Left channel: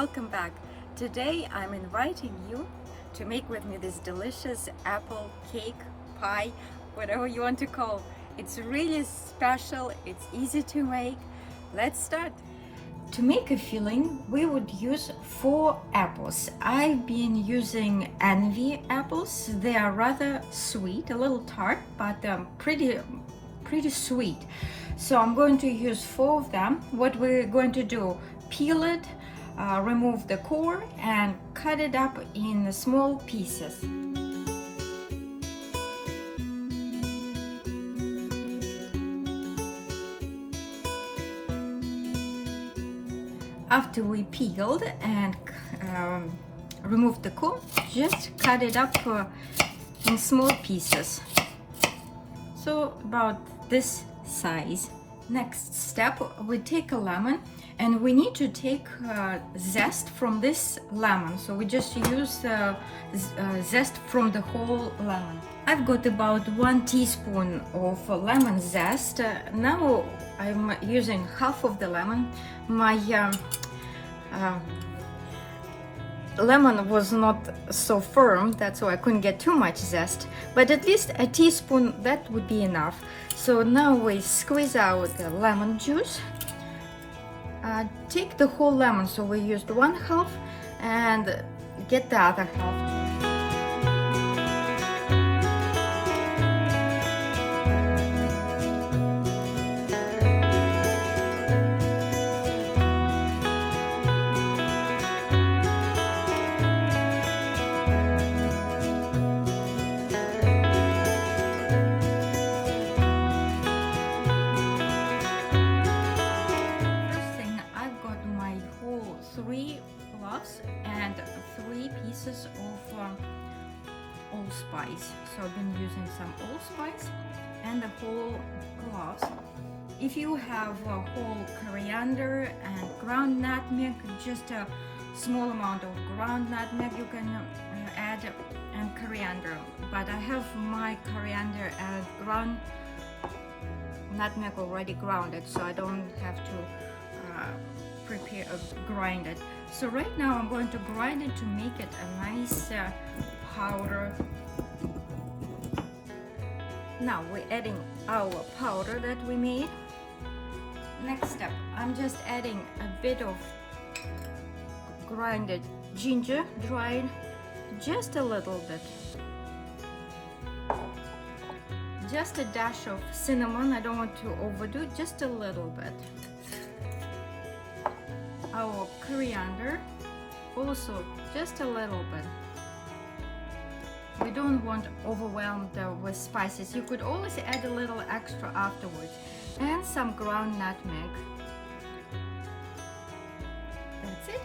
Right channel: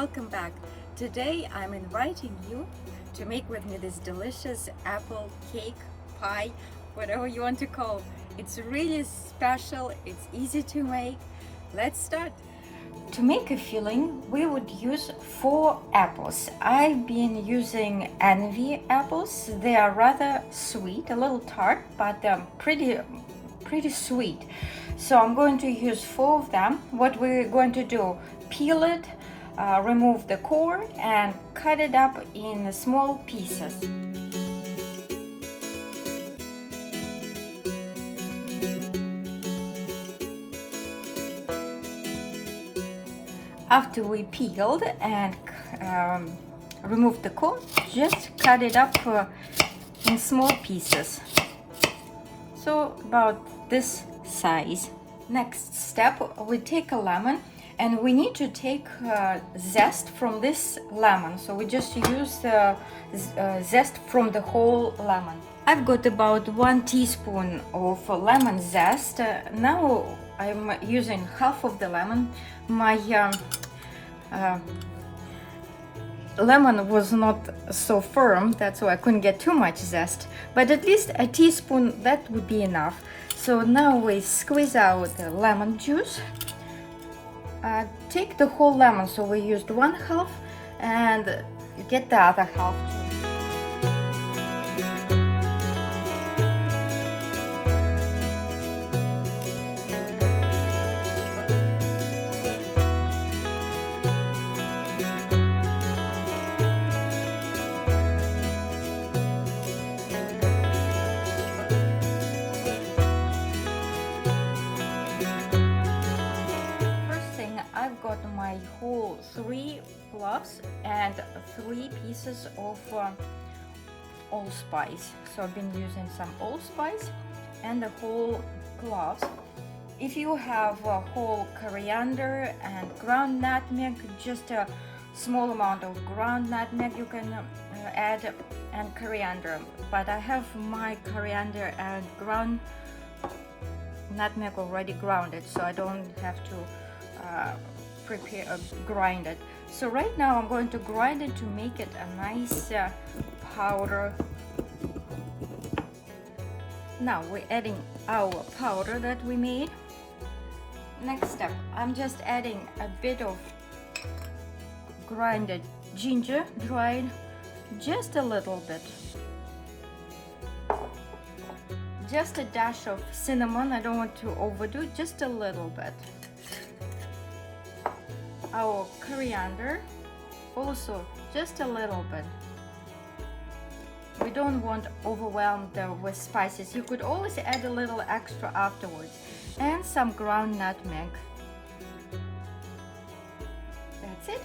welcome back. Today I'm inviting you to make with me this delicious apple cake, pie, whatever you want to call. It's really special, it's easy to make. Let's start. To make a filling, we would use 4 apples. I've been using Envy apples. They are rather sweet, a little tart, but pretty sweet. So I'm going to use 4 of them. What we're going to do, peel it, remove the core, and cut it up in small pieces. After we peeled and removed the core, just cut it up in small pieces. So about this size. Next step, we take a lemon and we need to take zest from this lemon. So we just use zest from the whole lemon. I've got about 1 teaspoon of lemon zest. Now I'm using half of the lemon. My lemon was not so firm, that's why I couldn't get too much zest, but at least a teaspoon, that would be enough. So now we squeeze out the lemon juice. Take the whole lemon, so we used 1/2, and get the other half. And 3 pieces of allspice. So I've been using some allspice and the whole cloves. If you have whole coriander and ground nutmeg, just a small amount of ground nutmeg you can add, and coriander. But I have my coriander and ground nutmeg already grounded, so I don't have to grind it. So right now I'm going to grind it to make it a nice powder. Now we're adding our powder that we made. Next step, I'm just adding a bit of grinded ginger, dried, just a little bit. Just a dash of cinnamon, I don't want to overdo it, just a little bit. Our coriander, also just a little bit. We don't want to overwhelm with spices. You could always add a little extra afterwards. And some ground nutmeg. That's it.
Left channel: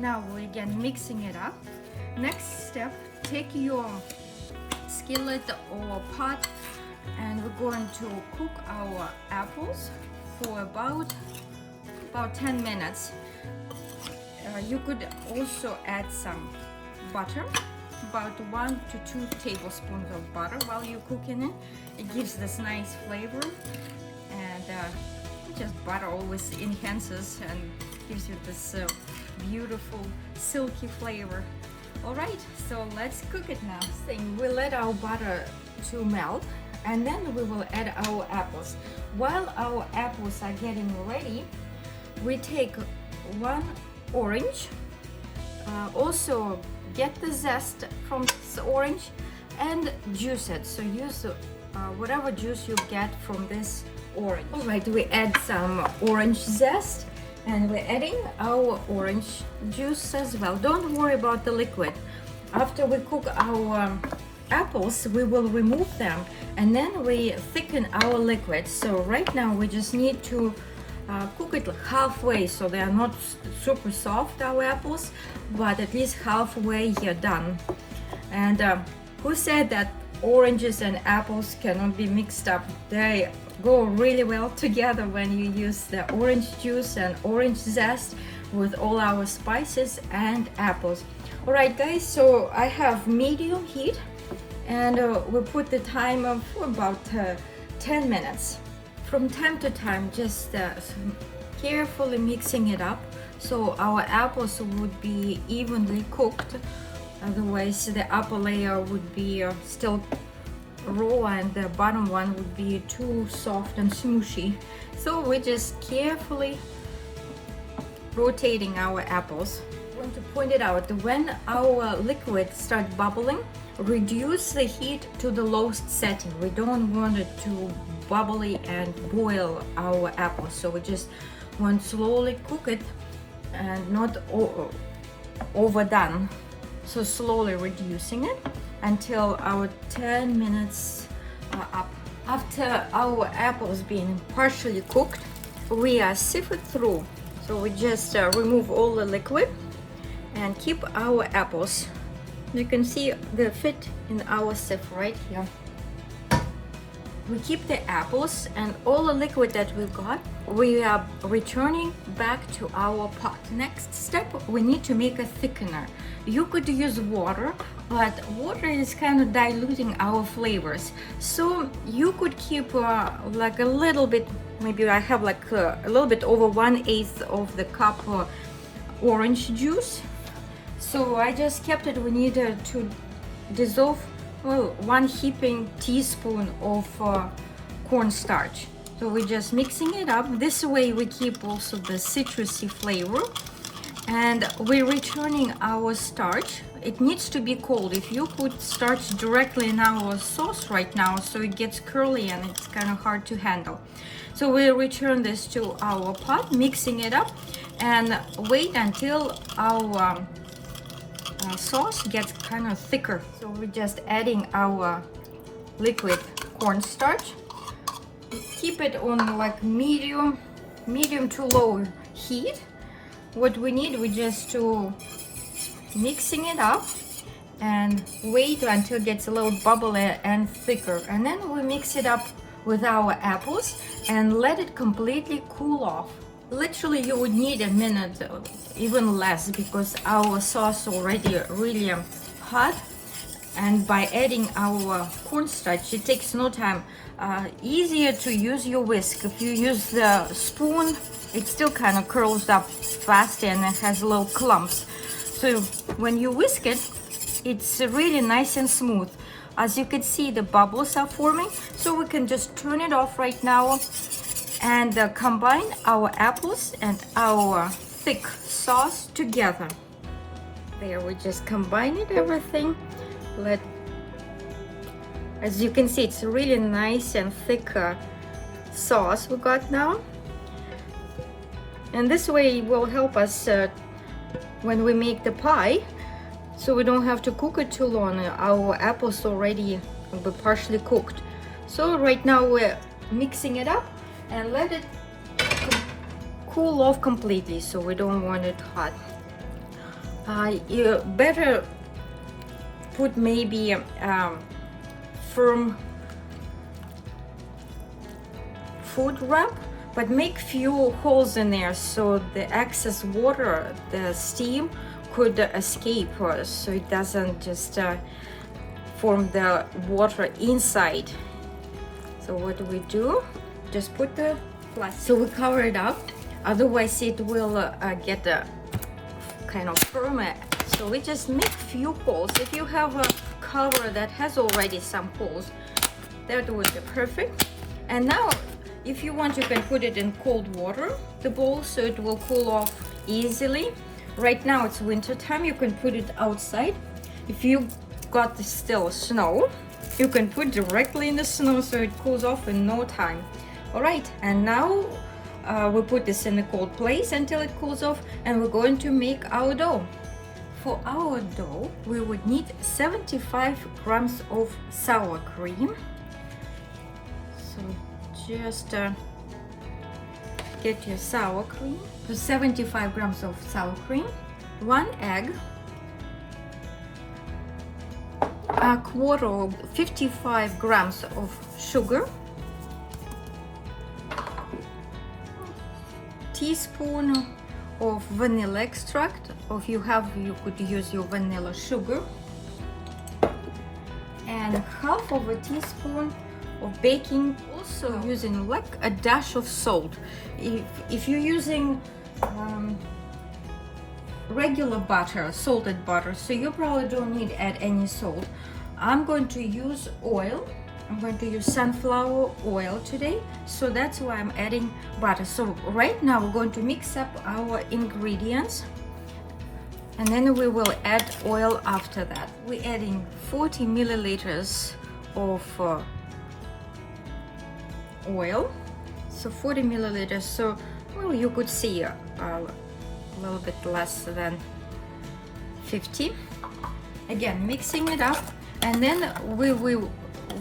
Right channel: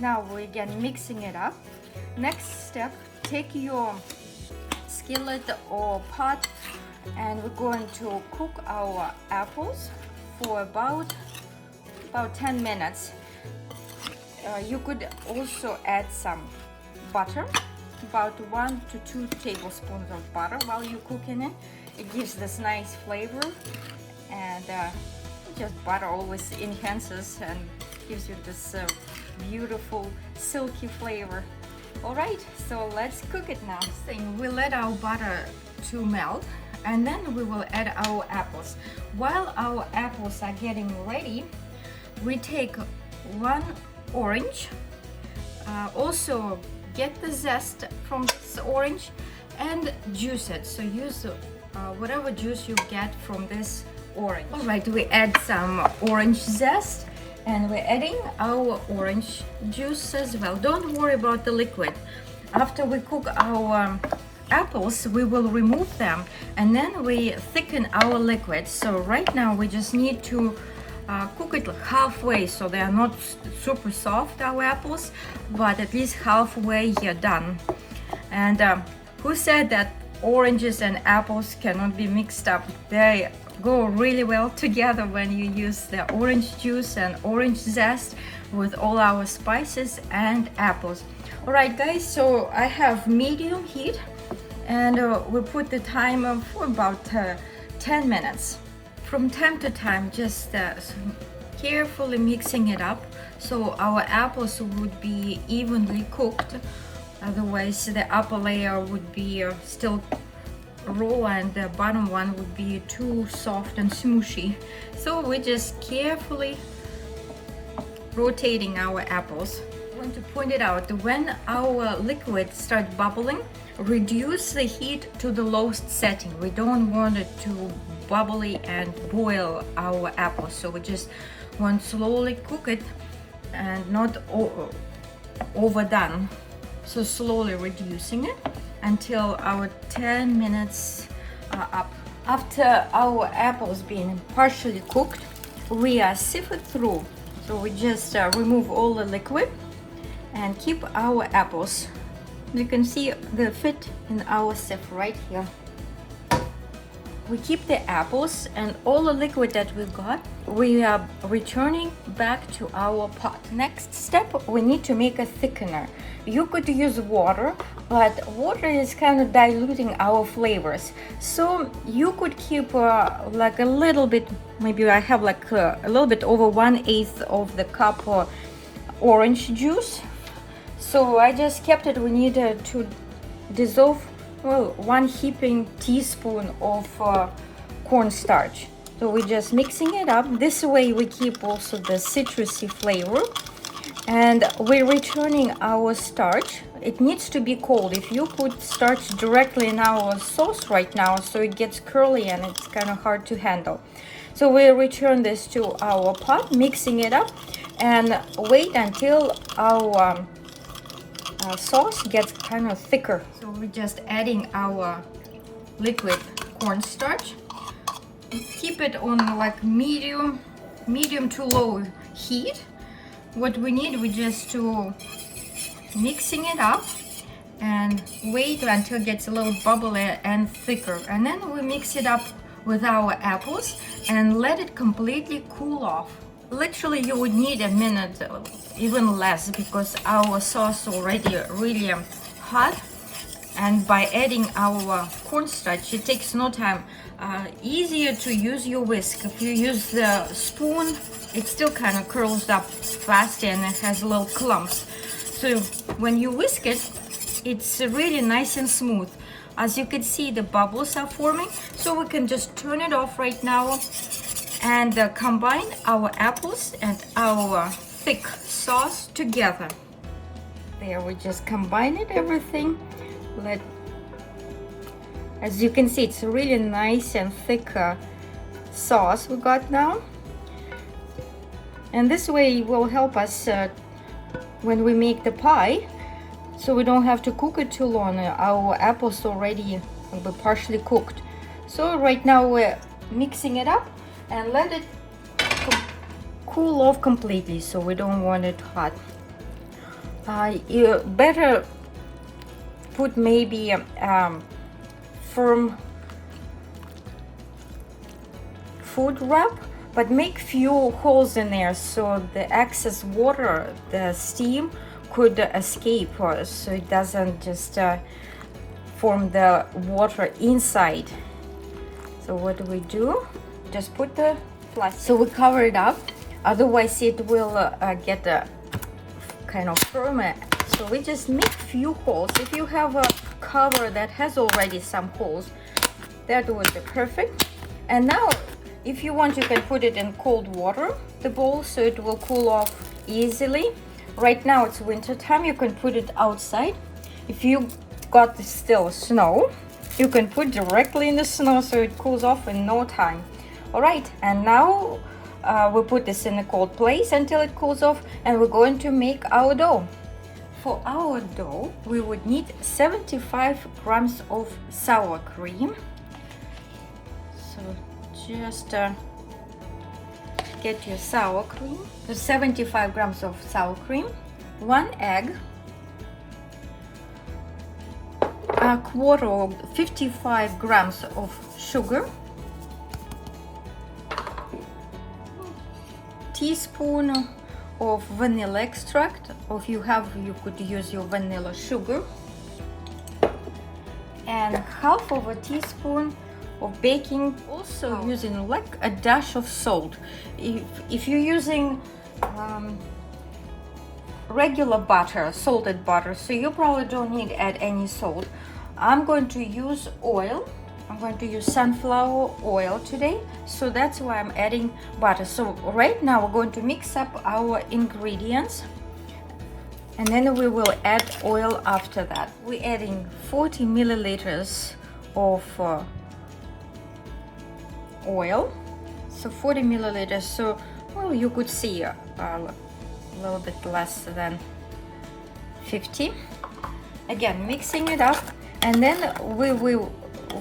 Now we're again mixing it up. Next step, take your skillet or pot, and we're going to cook our apples for about 10 minutes. You could also add some butter, about 1 to 2 tablespoons of butter while you're cooking it. It gives this nice flavor, and just butter always enhances and gives you this beautiful silky flavor. Alright, so let's cook it now. We let our butter to melt, and then we will add our apples. While our apples are getting ready, we take 1 orange, also get the zest from this orange and juice it. So use whatever juice you get from this orange. Alright, we add some orange zest, and we're adding our orange juice as well. Don't worry about the liquid. After we cook our apples, we will remove them, and then we thicken our liquid. So right now we just need to cook it halfway, so they are not super soft, our apples, but at least halfway you're done. And who said that oranges and apples cannot be mixed up? They go really well together when you use the orange juice and orange zest with all our spices and apples. Alright guys, so I have medium heat, and we put the timer for about 10 minutes. From time to time, just carefully mixing it up so our apples would be evenly cooked. Otherwise the upper layer would be still raw and the bottom one would be too soft and smooshy. So we're just carefully rotating our apples. I want to point it out, when our liquid starts bubbling, reduce the heat to the lowest setting. We don't want it to bubbly and boil our apples, so we just want slowly cook it and not overdone. So slowly reducing it until our 10 minutes are up. After our apples being partially cooked, we are sifted through. So we just remove all the liquid and keep our apples. You can see the fit in our sieve right here. We keep the apples and all the liquid that we got, we are returning back to our pot. Next step, we need to make a thickener. You could use water, but water is kind of diluting our flavors. So you could keep like a little bit, maybe I have like a little bit over 1/8 of the cup orange juice. So I just kept it. We needed to dissolve, well, 1 heaping teaspoon of cornstarch. So we're just mixing it up. This way we keep also the citrusy flavor. And we're returning our starch. It needs to be cold. If you put starch directly in our sauce right now, so it gets curly and it's kind of hard to handle. So we'll return this to our pot, mixing it up, and wait until our sauce gets kind of thicker. So we're just adding our liquid cornstarch. Keep it on like medium to low heat. What we need, we just to mixing it up and wait until it gets a little bubbly and thicker, and then we mix it up with our apples and let it completely cool off. Literally you would need a minute, even less, because our sauce already really hot, and by adding our cornstarch it takes no time. Easier to use your whisk. If you use the spoon, it still kind of curls up faster and it has little clumps. So when you whisk it, it's really nice and smooth. As you can see, the bubbles are forming, so we can just turn it off right now and combine our apples and our thick sauce together. There, we just combine it, everything. As you can see, it's really nice and thick sauce we got now. And this way will help us when we make the pie, so we don't have to cook it too long. Our apples already will be partially cooked. So right now we're mixing it up and let it cool off completely, so we don't want it hot. You better put maybe firm food wrap, but make few holes in there so the excess water, the steam, could escape, so it doesn't just form the water inside. So what do? Just put the plastic. So we cover it up, otherwise it will get kind of firm. So we just make few holes. If you have a cover that has already some holes, that would be perfect. And now if you want, you can put it in cold water, the bowl, so it will cool off easily. Right now it's winter time, you can put it outside. If you got still snow, you can put directly in the snow, so it cools off in no time. All right, and now we put this in a cold place until it cools off, and we're going to make our dough. For our dough, we would need 75 grams of sour cream. So just get your sour cream. So 75 grams of sour cream, 1 egg, a quarter of 55 grams of sugar, teaspoon of vanilla extract. Or if you have, you could use your vanilla sugar, and half of a teaspoon of baking. Also using like a dash of salt. If you're using regular butter, salted butter, so you probably don't need to add any salt. I'm going to use oil. I'm going to use sunflower oil today, so that's why I'm adding butter. So right now we're going to mix up our ingredients, and then we will add oil after that. We're adding 40 milliliters of oil, so 40 milliliters, so well, you could see a little bit less than 50. Again, mixing it up, and then we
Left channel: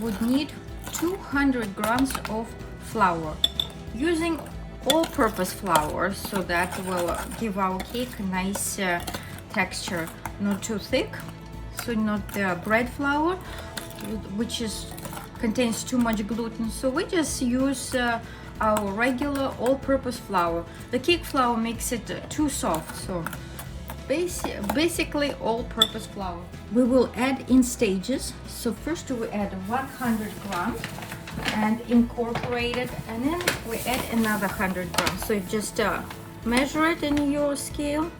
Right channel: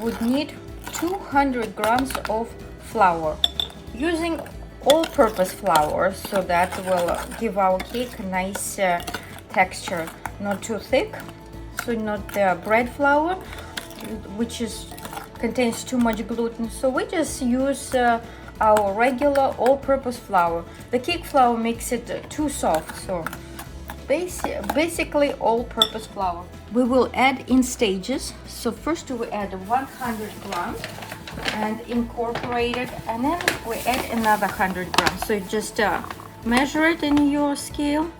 would need 200 grams of flour, using all-purpose flour, so that will give our cake a nice texture, not too thick, so not the bread flour, which contains too much gluten. So we just use our regular all-purpose flour. The cake flour makes it too soft, so basically all-purpose flour. We will add in stages. So first we add 100 grams and incorporate it, and then we add another 100 grams. So you just measure it in your scale,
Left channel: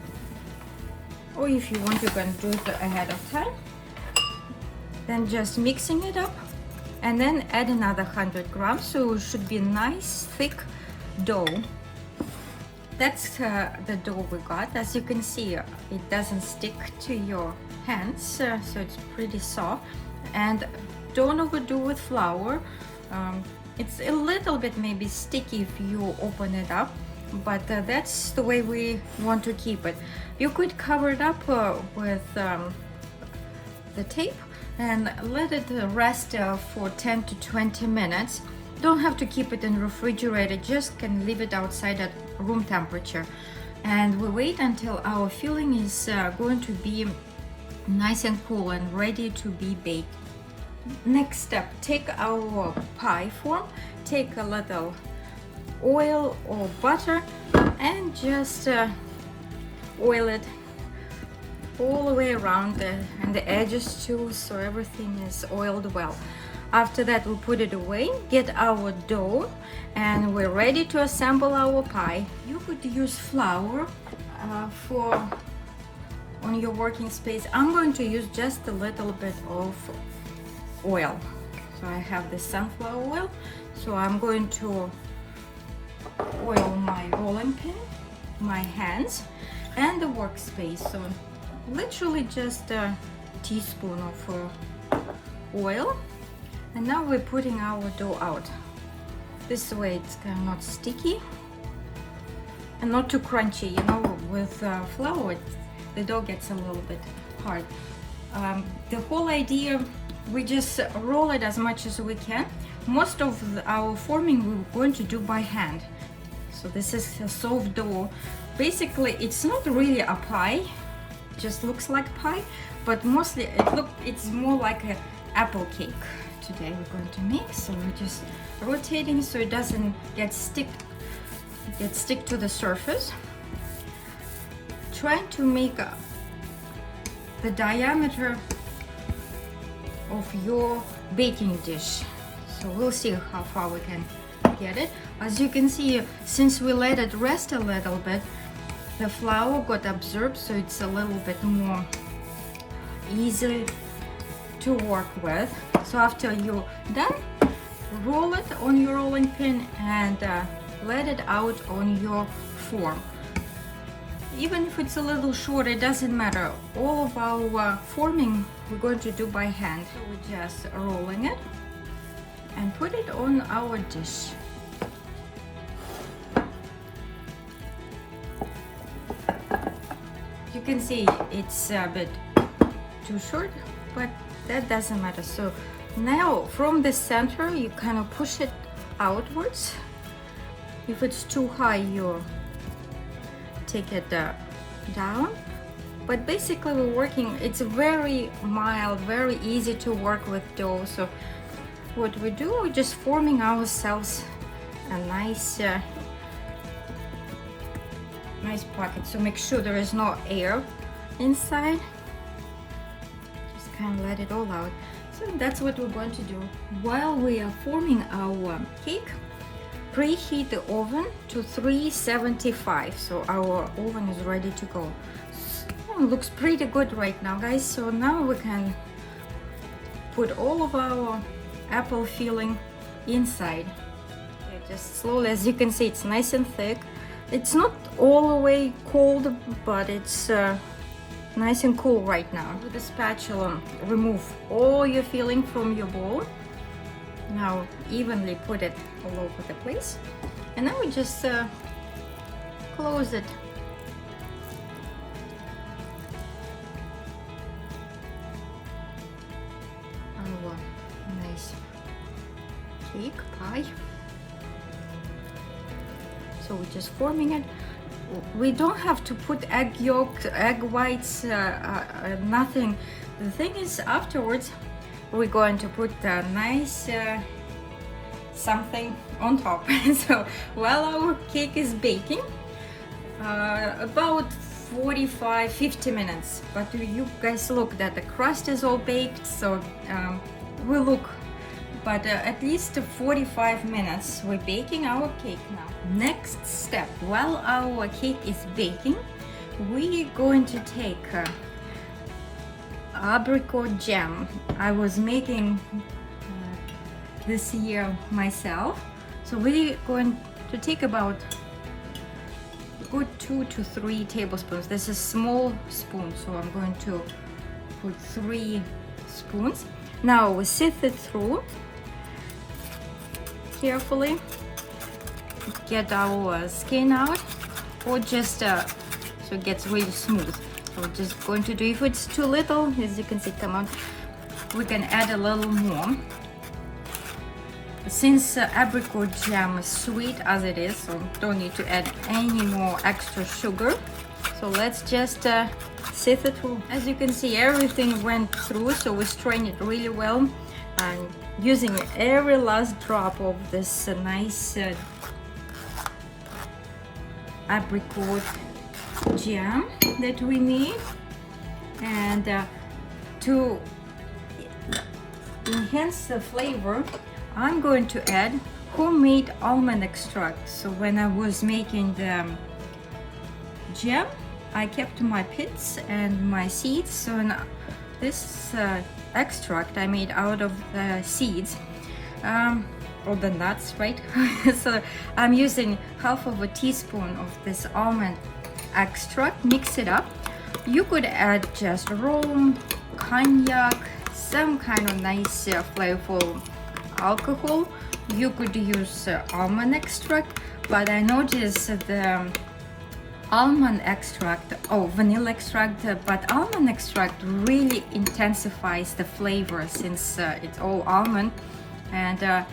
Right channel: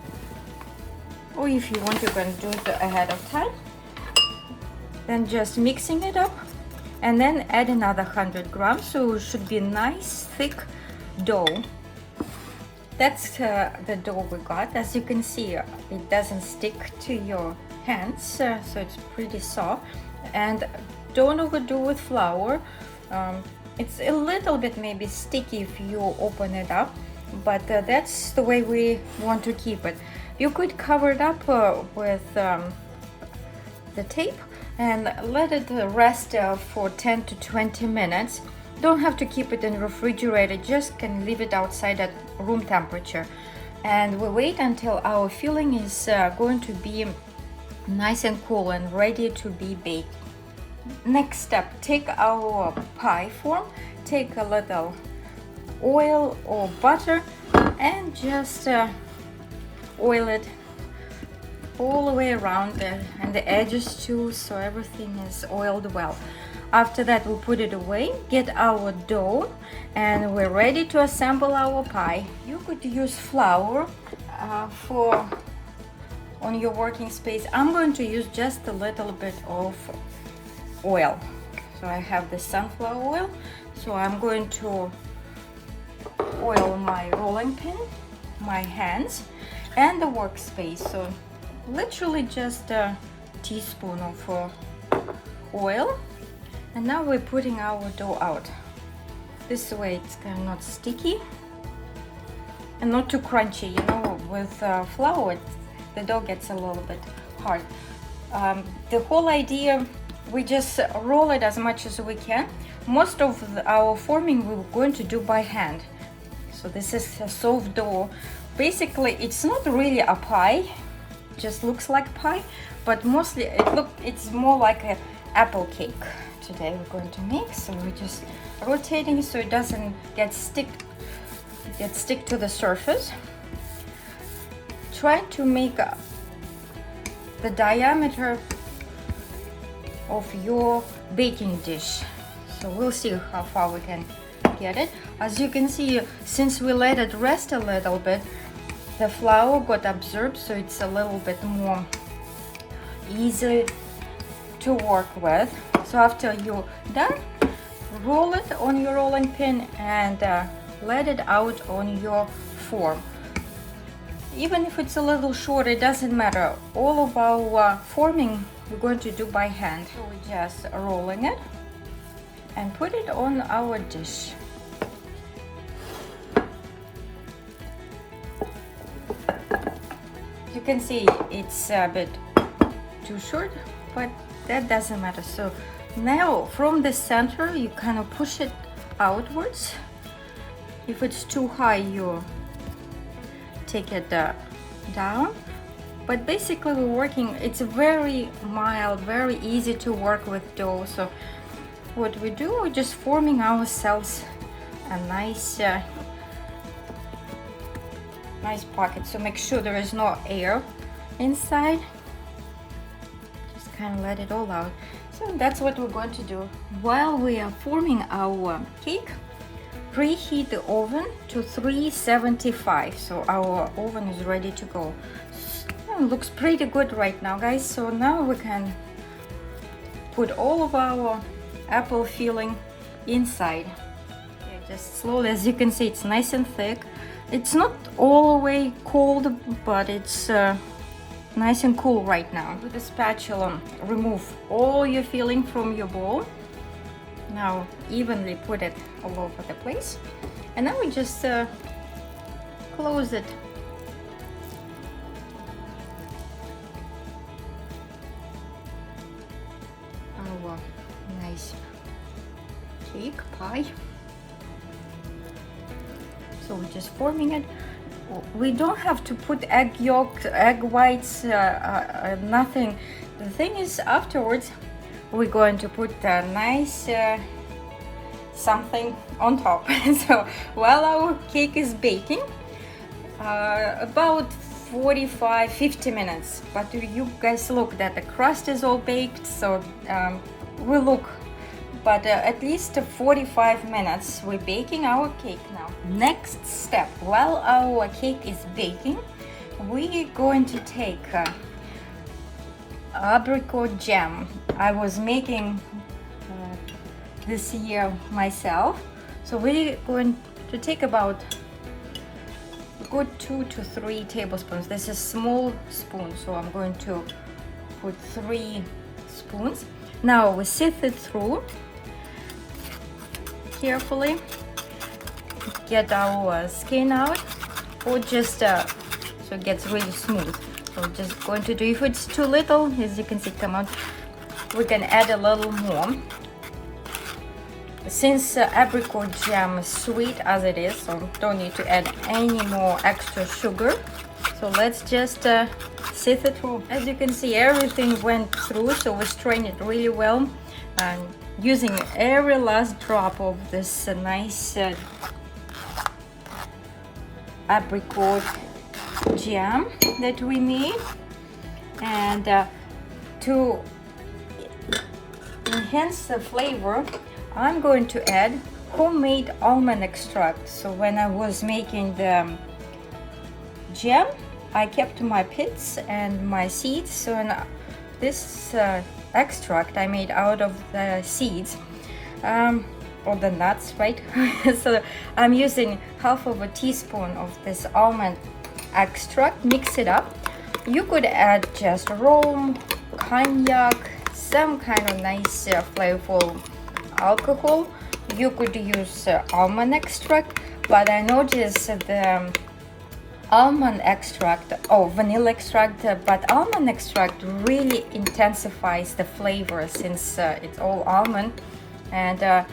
or if you want, you can do it ahead of time. Then just mixing it up, and then add another 100 grams. So it should be a nice thick dough. That's the dough we got. As you can see, it doesn't stick to your hands, so it's pretty soft. And don't overdo with flour. It's a little bit maybe sticky if you open it up, but that's the way we want to keep it. You could cover it up with the tape and let it rest for 10 to 20 minutes. Don't have to keep it in the refrigerator, just can leave it outside at room temperature. And we wait until our filling is going to be nice and cool and ready to be baked. Next step, take our pie form, take a little oil or butter and just oil it all the way around and the edges too, so everything is oiled well. After that, we'll put it away, get our dough, and we're ready to assemble our pie. You could use flour on your working space. I'm going to use just a little bit of oil. So I have the sunflower oil, so I'm going to oil my rolling pin, my hands, and the workspace. So literally just a teaspoon of oil. And now we're putting our dough out. This way it's kind of not sticky and not too crunchy. You know, with flour, the dough gets a little bit hard. The whole idea, we just roll it as much as we can. Most of our forming we're going to do by hand. So this is a soft dough. Basically, it's not really a pie, it just looks like pie, but mostly it's more like an apple cake. Today we're going to make, so we're just rotating so it doesn't get stick to the surface. Try to make the diameter of your baking dish. So we'll see how far we can get it. As you can see, since we let it rest a little bit, the flour got absorbed, so it's a little bit more easy to work with. So after you're done, roll it on your rolling pin and let it out on your form. Even if it's a little short, it doesn't matter. All of our forming we're going to do by hand. So we're just rolling it and put it on our dish. You can see it's a bit too short, but that doesn't matter. So now from the center you kind of push it outwards. If it's too high, you take it down. But basically we're working, it's very mild, very easy to work with dough. So what we do, we're just forming ourselves a nice pocket. So make sure there is no air inside. Just kind of let it all out. So that's what we're going to do. While we are forming our cake, preheat the oven to 375. So our oven is ready to go. looks pretty good right now, guys. So now we can put all of our apple filling inside. Just slowly, as you can see, it's nice and thick. It's not all the way cold, but it's nice and cool right now. With the spatula, remove all your filling from your bowl. Now evenly put it all over the place, and now we just close it. Our nice cake pie. So I'm just forming it. We don't have to put egg yolk, egg whites, nothing. The thing is, afterwards we're going to put a nice something on top. So while our cake is baking, about 45-50 minutes, but you guys look that the crust is all baked, so we look, but at least 45 minutes we're baking our cake now. Next step, while our cake is baking, we're going to take apricot jam. I was making this year myself, so we're going to take about a good 2 to 3 tablespoons. This is small spoon, so I'm going to put 3 spoons. Now we sift it through carefully, get our skin out, or just so it gets really smooth. So we're just going to do, if it's too little, as you can see come out, we can add a little more. Since apricot jam is sweet as it is, so don't need to add any more extra sugar. So let's just sift it through. As you can see, everything went through, so we strain it really well, using every last drop of this nice apricot jam that we made. And to enhance the flavor, I'm going to add homemade almond extract. So when I was making the jam, I kept my pits and my seeds. So this extract I made out of the seeds, or the nuts, right? So I'm using half of a teaspoon of this almond extract. Mix it up. You could add just rum, cognac, some kind of nice flavorful alcohol. You could use almond extract, but I noticed the almond extract or vanilla extract, but almond extract really intensifies the flavor since it's all almond. And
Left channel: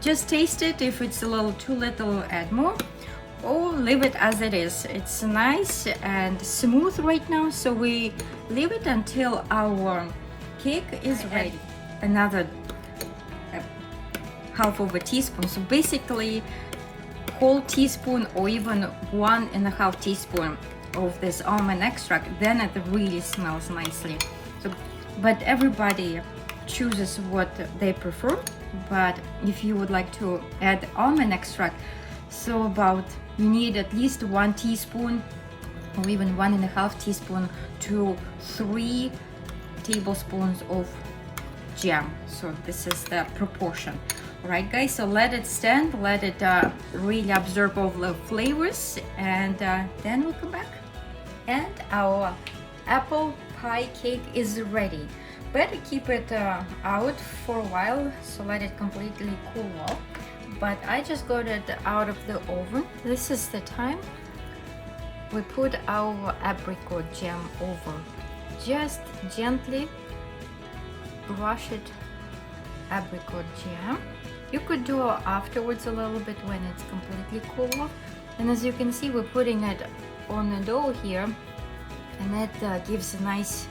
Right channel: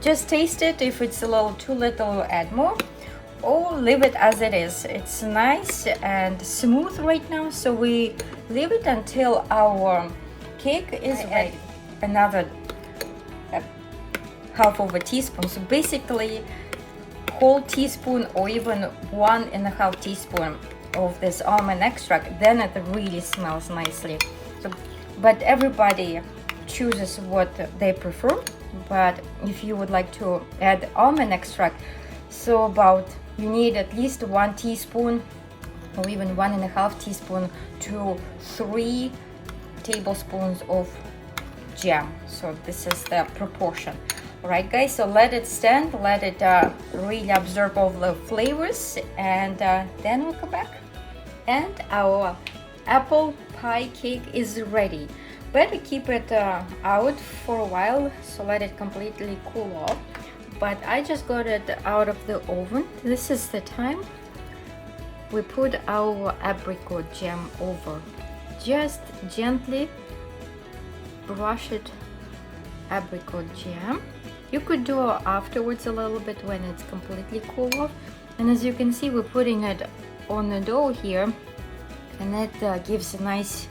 just taste it. If it's a little too little, add more, or leave it as it is. It's nice and smooth right now, so we leave it until our cake is ready. Another half of a teaspoon, so basically whole teaspoon or even 1.5 teaspoon of this almond extract. Then it really smells nicely. So, but everybody chooses what they prefer. But if you would like to add almond extract, so about you need at least 1 teaspoon or even 1.5 teaspoon to 3 tablespoons of jam. So this is the proportion. Right, guys, so let it stand, let it really absorb all the flavors, and then we'll go back. And our apple pie cake is ready. Better keep it out for a while, so let it completely cool off. But I just got it out of the oven. This is the time we put our apricot jam over. Just gently brush it, apricot jam. You could do afterwards a little bit when it's completely cooled off. And as you can see, we're putting it on the dough here, and that gives a nice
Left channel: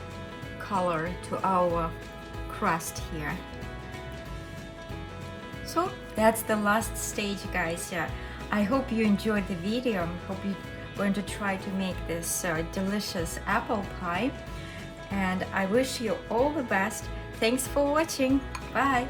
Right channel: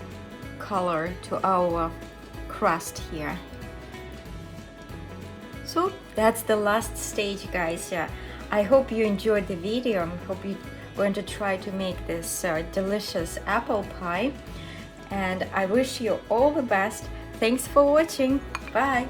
color to our crust here. So that's the last stage, guys. I hope you enjoyed the video. I hope you're going to try to make this delicious apple pie, and I wish you all the best. Thanks for watching. Bye.